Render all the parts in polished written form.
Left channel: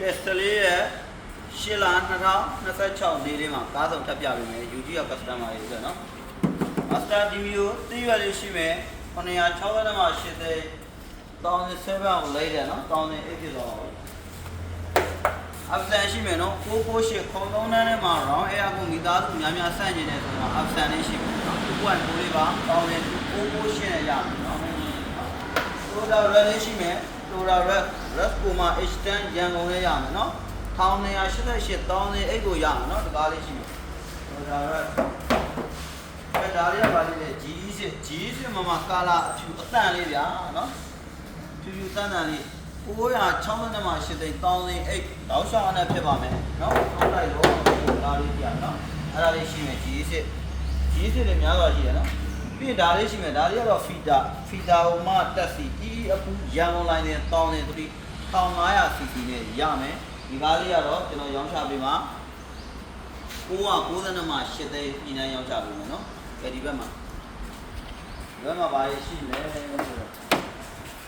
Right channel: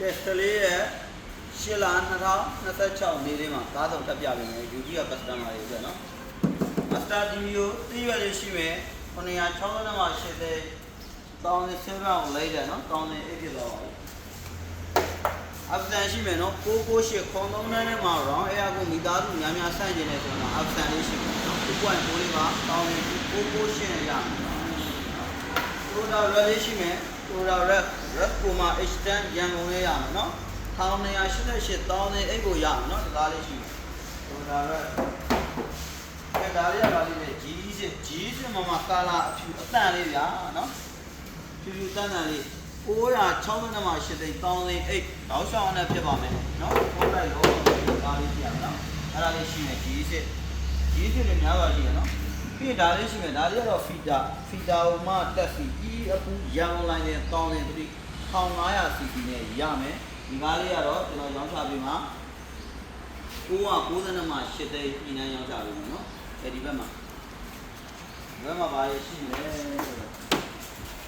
ကဲစတလေးရဲ့ရှစ်လ2026နေ့လေးမှာကားဆောင်တက်ပြပေးမယ်ယူကြီးရ customer တွေအတွက်နော် Master DVO သိရွက်လေးရှိမယ်960မှာရှစ်သိ1007ကိုလိုက်တယ်နော်1008ဖြစ်သွားပါဘူးoption ရှိမယ်နော်998ခုံ3တန်းထဲမှာ round air ကိုမိသားစုများများဆန့်ကျင်နေဆိုတော့ option လေးရှိမယ်နော်2.2လေးပါ100998နဲ့ရမယ်နော် Total red လေးရှိမယ် Total red Coma H10 ရန်ကုန်လေးရမယ်နော်1288 1008ကိုရမယ်နော်တကားလေးရှိမယ် Total red အဲဒါလေးကပါလိမ့်မယ် G10 မှာကာလာအဖြူအတန်လေးဗျာနော်ဖြူဖြူတန်တန်လေး960မှာ8သိန်း1008တောက်ဆောင်နဲ့ဖြစ်ပါမယ်နော်ထုတ်လိုက်တော့ဒါလေးပြရနော်အဲ့ဒါလေးရှိမယ် G10 လေးများစွာရှိတယ်နော်ပြီးဒါလေးရှိမယ်ဒါလေးကတော့ feeder ကိုမှတက်စီအခုရန်ကုန်လိုင်းနဲ့1500 cc နဲ့ရမယ်ဒီကားလေးကတော့ကျွန်တော်ရောင်းချပေးမှာ990မှာ8သိန်းညီနိုင်ရောင်းချပေးမယ်နော်ဒီဘက်မှာပါရရှိမယ်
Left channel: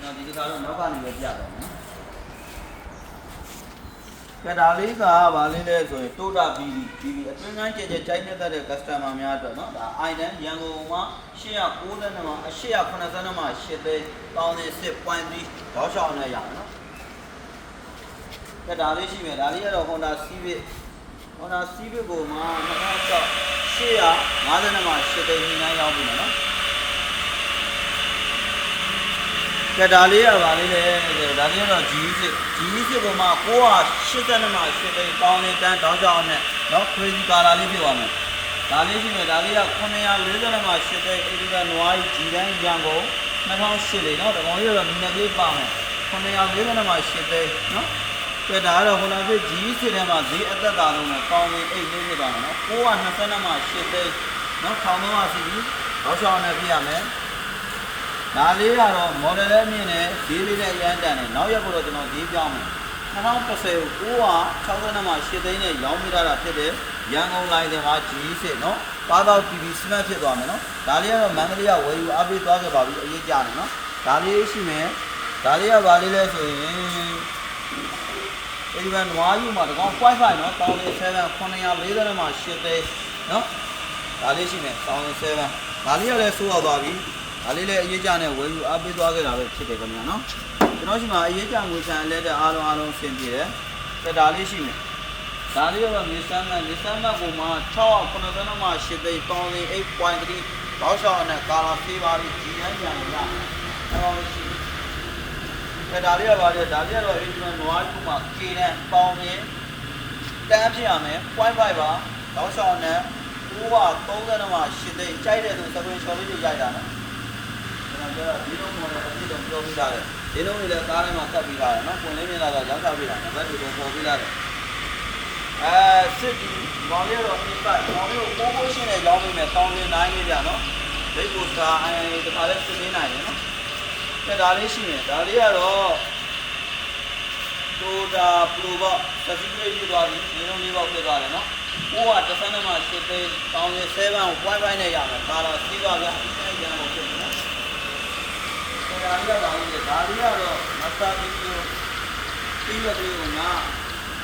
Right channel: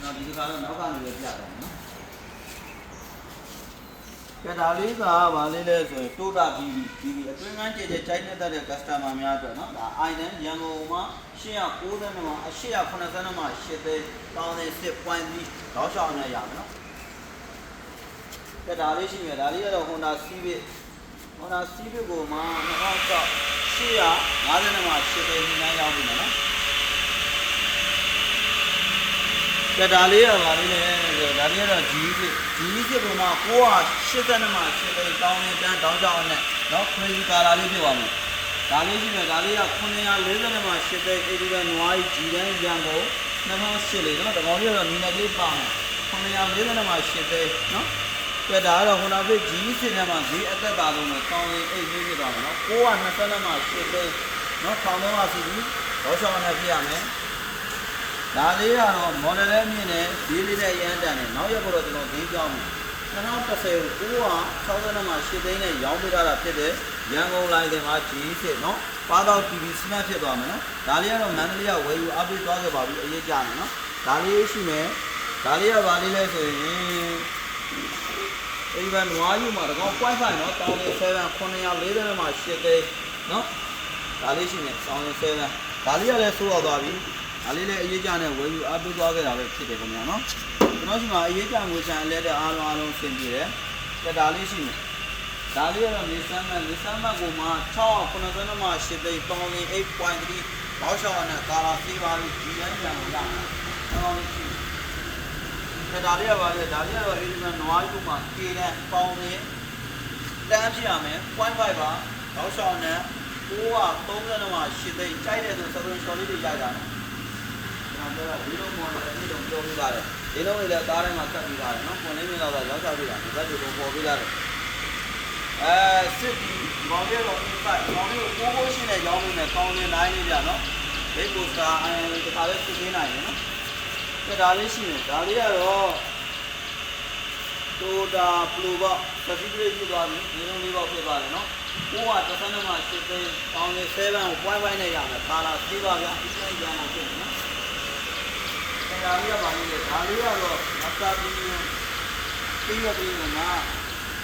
နော်ဒီကားတော့နောက်ကနေပဲပြတယ်နော်ဒါလေးကဘာလေးလဲဆိုရင်တိုတာ BB အတွင်းကန်းကျကျကြိုက်နေတဲ့ customer များအတွက်เนาะဒါ item ရန်ကုန်မှာ890မှာ880မှာ8သိန်း1008.3တောက်ချောင်းနဲ့ရအောင်เนาะဒါလေးရှိမယ်ဒါလေးကတော့ Honda Civic ကိုမှ2006 850မှာ8သိန်းညီနိုင်ရောက်ပြီเนาะဒါလေးကပါလေးလေဒါလေးကတော့ G10 ပုံမှာ980မှာ8သိန်းတောင်းနေတန်းတောင်းကြအောင်နဲ့เนาะခွေးကြီးကာလာလေးဖြစ်သွားမယ်ဒါလေးရှိမယ်ဒါလေးက940မှာ8သိန်း80တန်းနွားကြီး G တန်းရန်ကုန်2008လေးเนาะတကောင်လေးကတော့နည်းနည်းလေးပါမယ်940မှာ8သိန်းเนาะဒါကတော့ Honda Fit G10 ထဲမှာဈေးအသက်သာဆုံးနဲ့တောင်းနေ8လေးဖြစ်သွားမယ်เนาะ920မှာ8သိန်းเนาะ1300 cc တောက်ချောင်းနဲ့ပြရမယ်ဒါလေးကတော့ model လေးမြင်နေဈေးလေးနဲ့ရမ်းတန်နေနောက်ရက်ကတော့ကျွန်တော်ဈေးပြောင်းမယ်2010ကို960မှာ8သိန်းနဲ့ရောင်းပြတာဖြစ်တဲ့ရန်ကုန်လိုင်းတွေမှာ G10 เนาะပါတော့ TV Smart ဖြစ်သွားမယ်เนาะဒါလေးကတော့မန္တလေးကဝယ်ယူအားပေးသွားခဲ့ပါပြီအရေးကြတယ်เนาะဒါလေးရှိမယ်ဒါလေးကဘာလေးလဲဆိုရင်ဒီမှာနွားယူမှာတကောင် Wi-Fi เนาะ1007 940မှာ8သိန်းเนาะဒါလေးရှိမယ်1007ဒါလေးကလည်းဆိုးတော့သွားပြီဒါလေးလည်းအရေးကြနဲ့ဝယ်ယူအားပေးသွားခဲ့တာပဲဖြစ်တယ်ခင်ဗျာနော်ကျွန်တော်ရှိမှာအရေးကြငွေချန်လက်တဲ့အားလုံးဆင်ပြေတယ်ဒါလေးရှိမယ်ဒါလေးကတော့ Nissan Max ကိုမှ690မှာ8သိန်း1008.3ဘောက်ရှောင်းနဲ့ကာလာဖေးပါလို့ဒီရန်ပြန်ရအောင်ရှိဒါလေးကပါလေဒါလေးကတော့ဒီမှာနွားကြီးမှာ K နဲ့ပေါင်းနေတန်းဖြစ်ရမယ် 0.5 ပါဘောက်ရှောင်းနဲ့930မှာ8သိန်းကြိုက်တဲ့သူသဘုံချော်လေးတွေကြိုက်တာနော်ဒီလိုမျိုးလည်းအပြည့်တော့ပြောပြထားတယ်ဒီလိုလည်းကားထဲမှာတက်ပြီးသားတယ်နော်ပွင့်လေးမြင်လာတော့ရောက်ချပြီးတာနော်ဇက်တွေပေါ်ပြီးသားတယ်စစ်ဒီမောင်လေးတော့ inside မောင်လေးကိုပိုးရှင်းနဲ့ရောင်းနေတယ်1009လေးပြနော်ဒိတ်ပိုစတာတခါလေးစစ်နေနိုင်တယ်နော်ဒါလေးရှိတယ်ဒါလေးကတော့Toyota Pro ပေါ့စပီးလေးပြသွားပြီဒီလိုလေးပေါ့ပြသွားတယ်နော်930မှာ8သိန်း1007ကို 0.5 နဲ့ရမယ်ကာလာပြီးပါဗျာဒီတိုင်းရအောင်ဖြစ်နော်ဒါလေးကပါလိမ့်မယ်ဒါလေးကတော့ Master DVO ပြီးရတယ်ကမှာ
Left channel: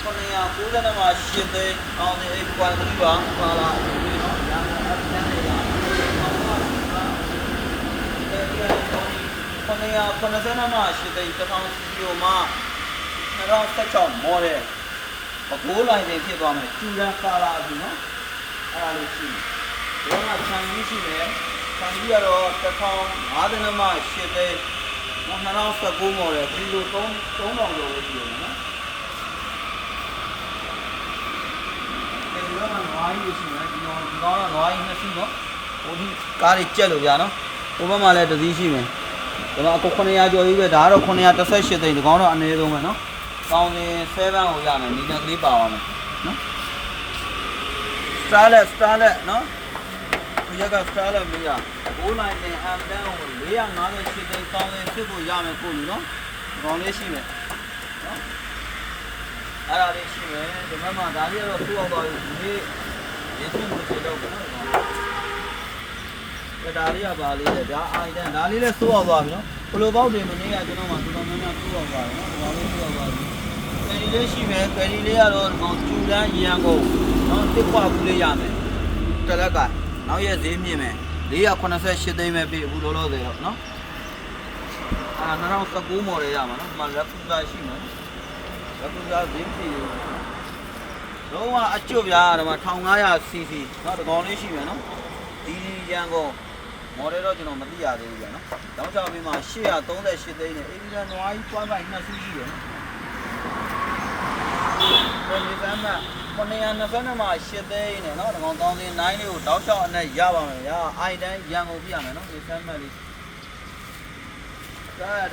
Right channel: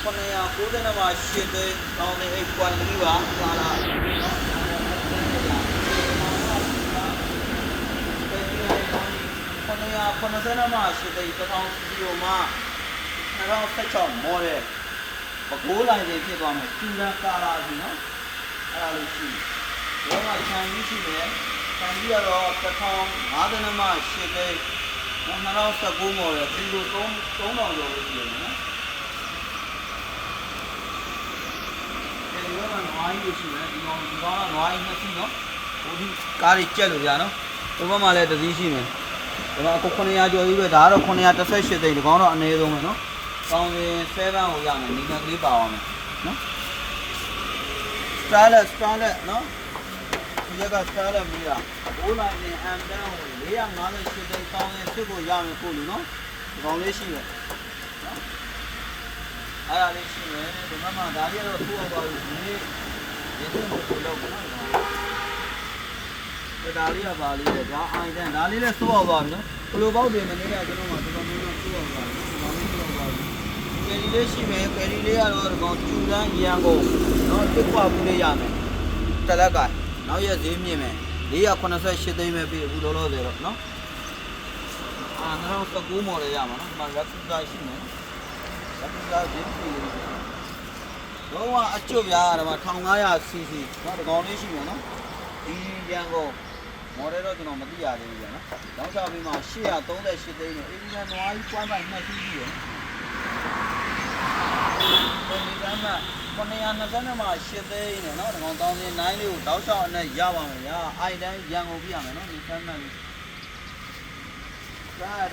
990မှာ8သိန်း1008.3ပါကာလာပြီးနော်ညာနာအပြန်နေလာ990မှာ8သိန်း1000 CPO မှာ2016 model အကိုးလိုင်းချင်းဖြစ်သွားမယ်ကျူရန်ကာလာကြီးနော်အဲ့ဒါလေးရှိတယ်ဒီမှာခြံကြီးရှိတယ်ခြံကြီးကတော့1050မှာ8သိန်း2019 model ကီလို3000ကျော်လို့ရှိတယ်နော်ဒီမှာနွားကြီးရှိတယ်ဒီကောင်ကနွားကြီးနှစ်စီးနော်ဟိုဒီကားတွေကြက်လို့ဗျာနော်ဒီဘက်မှာလည်းတစ်စီးရှိမယ်ဒီမှာအခု900ကျော်ကြီးပဲဒါကတော့918သိန်းဒီကောင်တော့အနည်းဆုံးပဲနော်1007ကိုရမယ်နီနကလေးပါသွားမယ်နော် Starlet နော်ဒီက Starlet မီးတာ9နိုင်နဲ့ M10 ကို458သိန်း1000ကိုရမယ်ကိုလူနော်ဒီကောင်လေးရှိမယ်နော်အဲ့ဒါလေးရှိမယ်ဒီမှာဒါလေးကတော့ထိုးအောင်သွားပြီဒီရင်းစမှုတွေတော့ဒါလေးကပါလေးလေဒါအိုင်တန်ဒါလေးလည်းထိုးအောင်သွားပြီနော်ဘလိုပေါက်တွေမနေရကျွန်တော်မှတော်တော်များများထိုးအောင်သွားတယ်နော်ဒီကောင်လေးထိုးအောင်သွားပြီ လေးရှိမယ်ကယ်ရီလေးကတော့ဒီကောင်ကျူတန်းရန်ကုန်နော်တစ်ပွားဘူးလေးရမယ်တစ်လက်ကနောက်ရက်ဈေးမြင့်မယ်488သိန်းပဲပြီအခုလောလောဆယ်တော့နော်2019မော်ဒယ်ရမှာနော်ဒီမှာလက်ဖူတာရှိမယ်လက်ဖူတာဈေးပြီတော့အကျွတ်ပြားဒီမှာ 1500cc နော်ဒီကောင်လေးရှိမယ်နော်ဒီရန်ကုန်မော်ဒယ်တော့ကျွန်တော်မသိရသေးဘူးဗျာနော်တောင်းချပေးမှာ838သိန်းနဲ့အေဒီကန်နွားကြီးပွိုင်းပိုင်2စီးရှိရနော်ဒီကမ်းမှာ920မှာ8သိန်းနဲ့နော်ဒီကောင်တောင်းစင်း9လေးကိုတောင်းချအနဲ့ရပါမယ်ဗျာအိုင်တိုင်းရန်ကုန်ပြရမယ်နော်ဒီကမ်းမှာလေး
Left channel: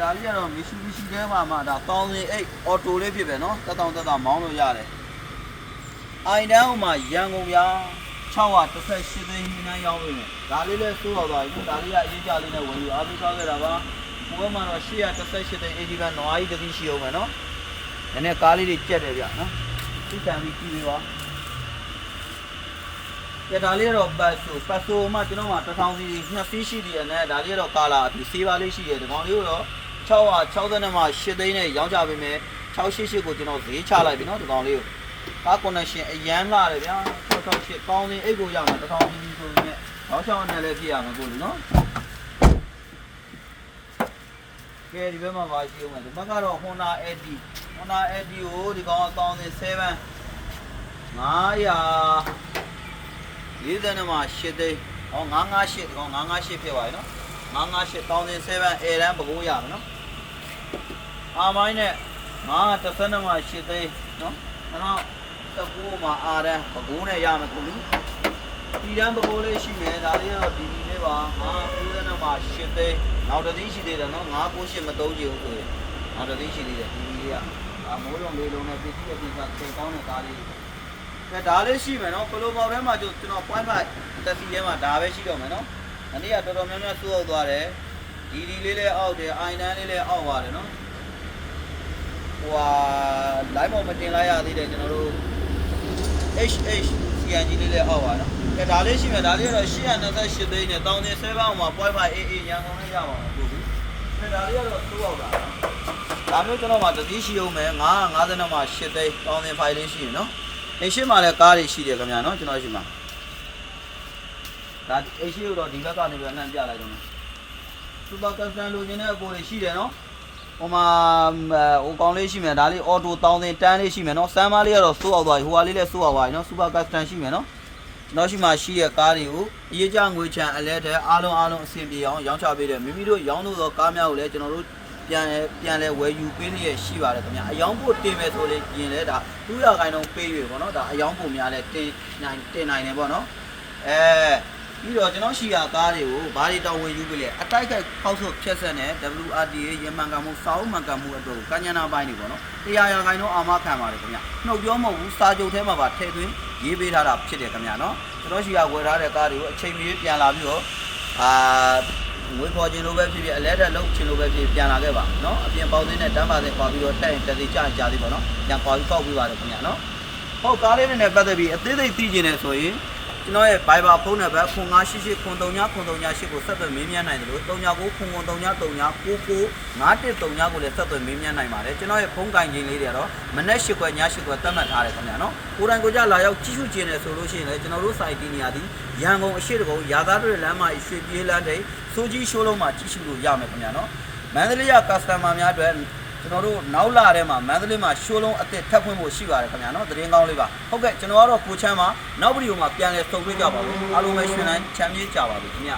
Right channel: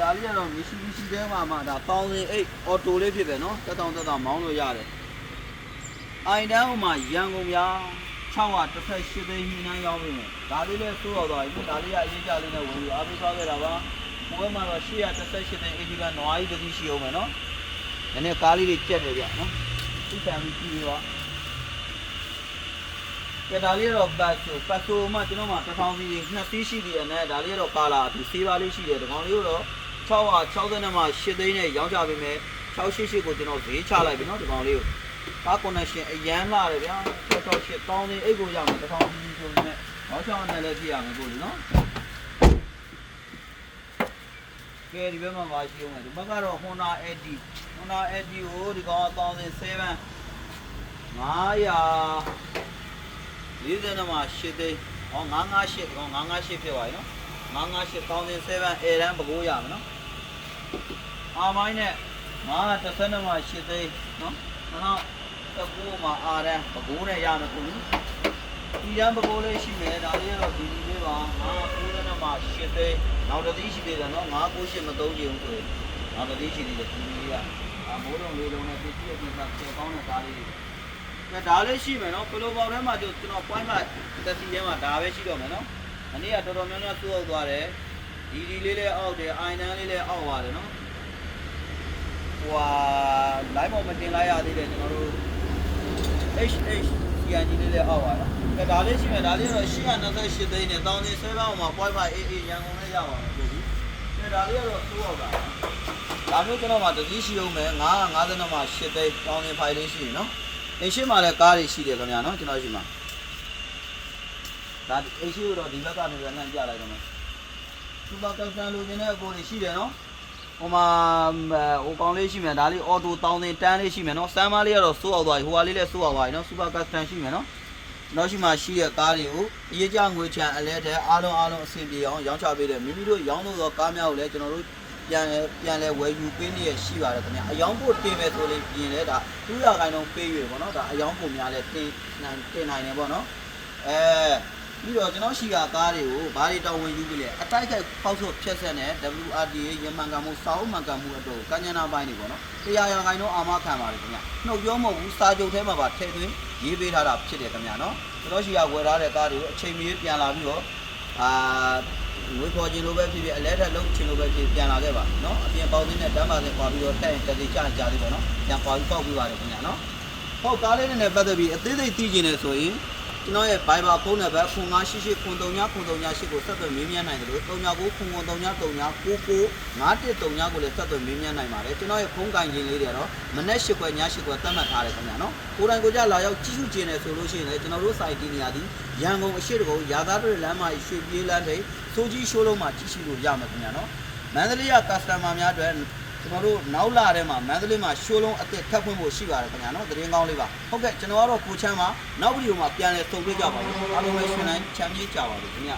ဒါလေးကတော့ Mitsubishi ထဲမှာဒါတောင်းစင်း8အော်တိုလေးဖြစ်ပဲနော်တက်တောင်မောင်းလို့ရတယ်အိုင်တိုင်းမှာရန်ကုန်ဗျာ618သိန်းနှမ်းရောက်ပြီဒါလေးလည်းစိုးရောက်သွားပြီဒါလေးကအရေးကြလေးနဲ့ဝင်ပြီးအားပေးသွားခဲ့တာပါဘိုးမှာတော့818သိန်းအေဂျီကနွားကြီးတစ်စီးရှိအောင်မယ်နော်နည်းနည်းကားလေးတွေပြက်တယ်ဗျနော်သိတန်ပြီးကြည့်ပေးပါကဲဒါလေးတော့ပတ်ဆိုမှကျွန်တော်မှာ1000စီ2စီးရှိသေးတယ်နဲ့ဒါလေးတော့ကာလာအပြီးဆေးပါလေးရှိတယ်ဒီကောင်လေးကိုတော့660မှာ8သိန်းနဲ့ရောင်းချပေးမယ်688ကိုကျွန်တော်ဈေးချလိုက်ပြီနော်ဒီကောင်လေးကိုကား connection အရန်လာတယ်ဗျာ668တောင်းနေအိတ်ကိုရောက်တယ်1000စီဆိုနေတော့6နဲ့လည်းပြည့်ရမယ်ကိုလေနော်ကဲဒီဘက်မှာပါရှိအောင်မယ်ဒီဘက်ကတော့ Honda AD ကိုဒီကောင်1007 940မှာ8သိန်းဟော958ဒီကောင်958ဖြစ်သွားပြီနော်958 1007 A တန်းပကိုးရမယ်နော်အာမိုင်းနဲ့930မှာ8သိန်းနော်2019မှာအာရန်ပကိုးနဲ့ရမယ်ကိုလေဒီတန်းပကိုးလေးရှိမယ်ဒါလေးကတော့ဒီလေးပါ990မှာ8သိန်းနောက်တစ်သိန်းရှိသေးတယ်နော်998မသုံးချင်ဘူးဆိုရင်နောက်တစ်သိန်းရှိသေးတယ်ဒီလေးကမိုးလုံးလေးလုံးနဲ့ပစ္စည်းအပြင်ကကျေကောင်းတဲ့ကားလေးကဲဒါလေးရှိမယ်နော်ပလိုပေါက်ထဲမှာကျွန်တော် point 5တက်စီထဲမှာဒါပဲရှိတော့မယ်နော်အနည်းကတော်တော်များများစိုးရောက်သွားတယ်ဒီလေးလည်းအောက်တယ်အိုင်နန်းလေးလည်းအောက်ပါတယ်နော်ဟိုဟာ live ပေါ်မတင်လိုက်ရသေးတယ်ကျွန်တော်တို့ CNG လေးလည်းအောက်ပါနော်ကဲဒါလေးရှိမယ်ဒါလေးကတော့828သိန်းနဲ့1007အောင်မှာ point 5 AA ရန်ကုန်နဲ့ရပါမယ်ကိုကြီးကဲဒါလေးကတော့စိုးရောက်တာဒါမျိုးကျွန်တော်မှာတစ်စီးရှိအောင်မယ်950မှာ8သိန်း1005လေးရှိရနော်အိမ်ရှိမှာလည်းကားတွေရှိတယ်ခင်ဗျာနော်ကျွန်တော်ရှိမှာဒါအိမ်ရှိတော့ဒီဘက်ကနေပြန်လှမ်းပြလိုက်တော့မယ်စူပါကပ်ဆန်လိုချင်တဲ့အပေါ်တွေရှိတယ်နော်ဟိုမှာဟိုကောင်းလေးရှိမယ်ဒါလေးအော်တို1000တန်းလေးရှိမယ်နော်စမ်းမလေးကတော့စိုးအောင်သွားပြီဟိုဟာလေးလည်းစိုးအောင်သွားပြီနော်စူပါကပ်ဆန်ရှိမယ်နော်နောက်ရှိမှရှိတဲ့ကားတွေကိုအရေးကြငွေချံအလဲတဲ့အားလုံးအဆင်ပြေအောင်ရောင်းချပေးတယ်မိမိတို့ရောင်းလို့တော့ကားများကိုလည်းကျွန်တော်တို့ပြန်လဲဝယ်ယူပေးနေရရှိပါတယ်ခင်ဗျာအယောင်ဖို့တင်မယ်ဆိုရင်လည်းဒါ200ခိုင်တော့ပေးရွေပေါ့နော်ဒါအယောင်ဖို့များလဲတင်နိုင်တယ်ပေါ့နော်ပြီးတော့ကျွန်တော်ရှိရာကားတွေကိုဘာတွေတောင်းဝင်ယူပေးလဲအတိုက်ခိုက်ဖောက်ဆုပ်ဖြတ်ဆက်နဲ့ WRDA ရမှန်ကန်မှုစာအုပ်မှန်ကန်မှုအတွက်ကញ្ញနာပိုင်းတွေပေါ့နော်100ခိုင်တော့အာမခံပါတယ်ခင်ဗျာနှုတ်ပြောမဟုတ်ဘူးစာချုပ်ထဲမှာပါထည့်သွင်းရေးပေးထားတာဖြစ်တယ်ခင်ဗျာနော်ကျွန်တော်ရှိရာဝယ်ထားတဲ့ကားတွေကိုအချိန်မီပြန်လာပြီးတော့ငွေခေါ်ခြင်းလိုပဲဖြစ်ဖြစ်အလဲတက်လုံးခြင်းလိုပဲဖြစ်ပြန်လာခဲ့ပါနော်အပြင်ပေါင်းသေးနဲ့တန်းပါသေးခွာပြီးတော့တက်ရင်တက်သေးကြာသေးပေါ့နော်ပြန်ခွာပြီးပေါက်ပြီးပါတယ်ခင်ဗျာနော်ဟုတ်ကားလေးနဲ့ပတ်သက်ပြီးအသေးစိတ်သိကျင်နေဆိုရင်ကျွန်တော်ရဲ့ Viber ဖုန်းနံပါတ်0988 0338ကိုဆက်သွယ်မေးမြန်းနိုင်တယ်လို့399339995139ကိုလည်းဆက်သွယ်မေးမြန်းနိုင်ပါတယ်ကျွန်တော်ရဲ့ဖုန်းကင်ခြင်းလေးတွေကတော့မနေ့8ခွဲည8ခွဲသတ်မှတ်ထားတယ်ခင်ဗျာနော်ကိုယ်တိုင်ကိုကြလာရောက်ကြည့်ရှုခြင်းနဲ့ဆိုလို့ရှိရင်လည်းကျွန်တော်တို့ site နေရာဒီရန်ကုန်အရှိတကုန်းရာသားတွေလမ်းမှာရွှေပြေးလမ်းထိပ်စိုးကြီးရှိုးလုံးမှာကြည့်ရှုလို့ရမယ်ခင်ဗျာနော်မန္တလေးက customer များအတွက်ကျွန်တော်တို့နောက်လာထဲမှာမန္တလေးမှာရှိုးလုံးအစ်စ်ထပ်ဖွင့်ဖို့ရှိပါတယ်ခင်ဗျာနော်သတင်းကောင်းလေးပါဟုတ်ကဲ့ကျွန်တော်ကတော့ကိုချမ်းပါနောက်ဗီဒီယိုမှာပြန်လဲဆုံတွေ့ကြပါမယ်အားလုံးပဲရှင်တိုင်းချမ်းမြေ့ကြပါစေခင်ဗျာ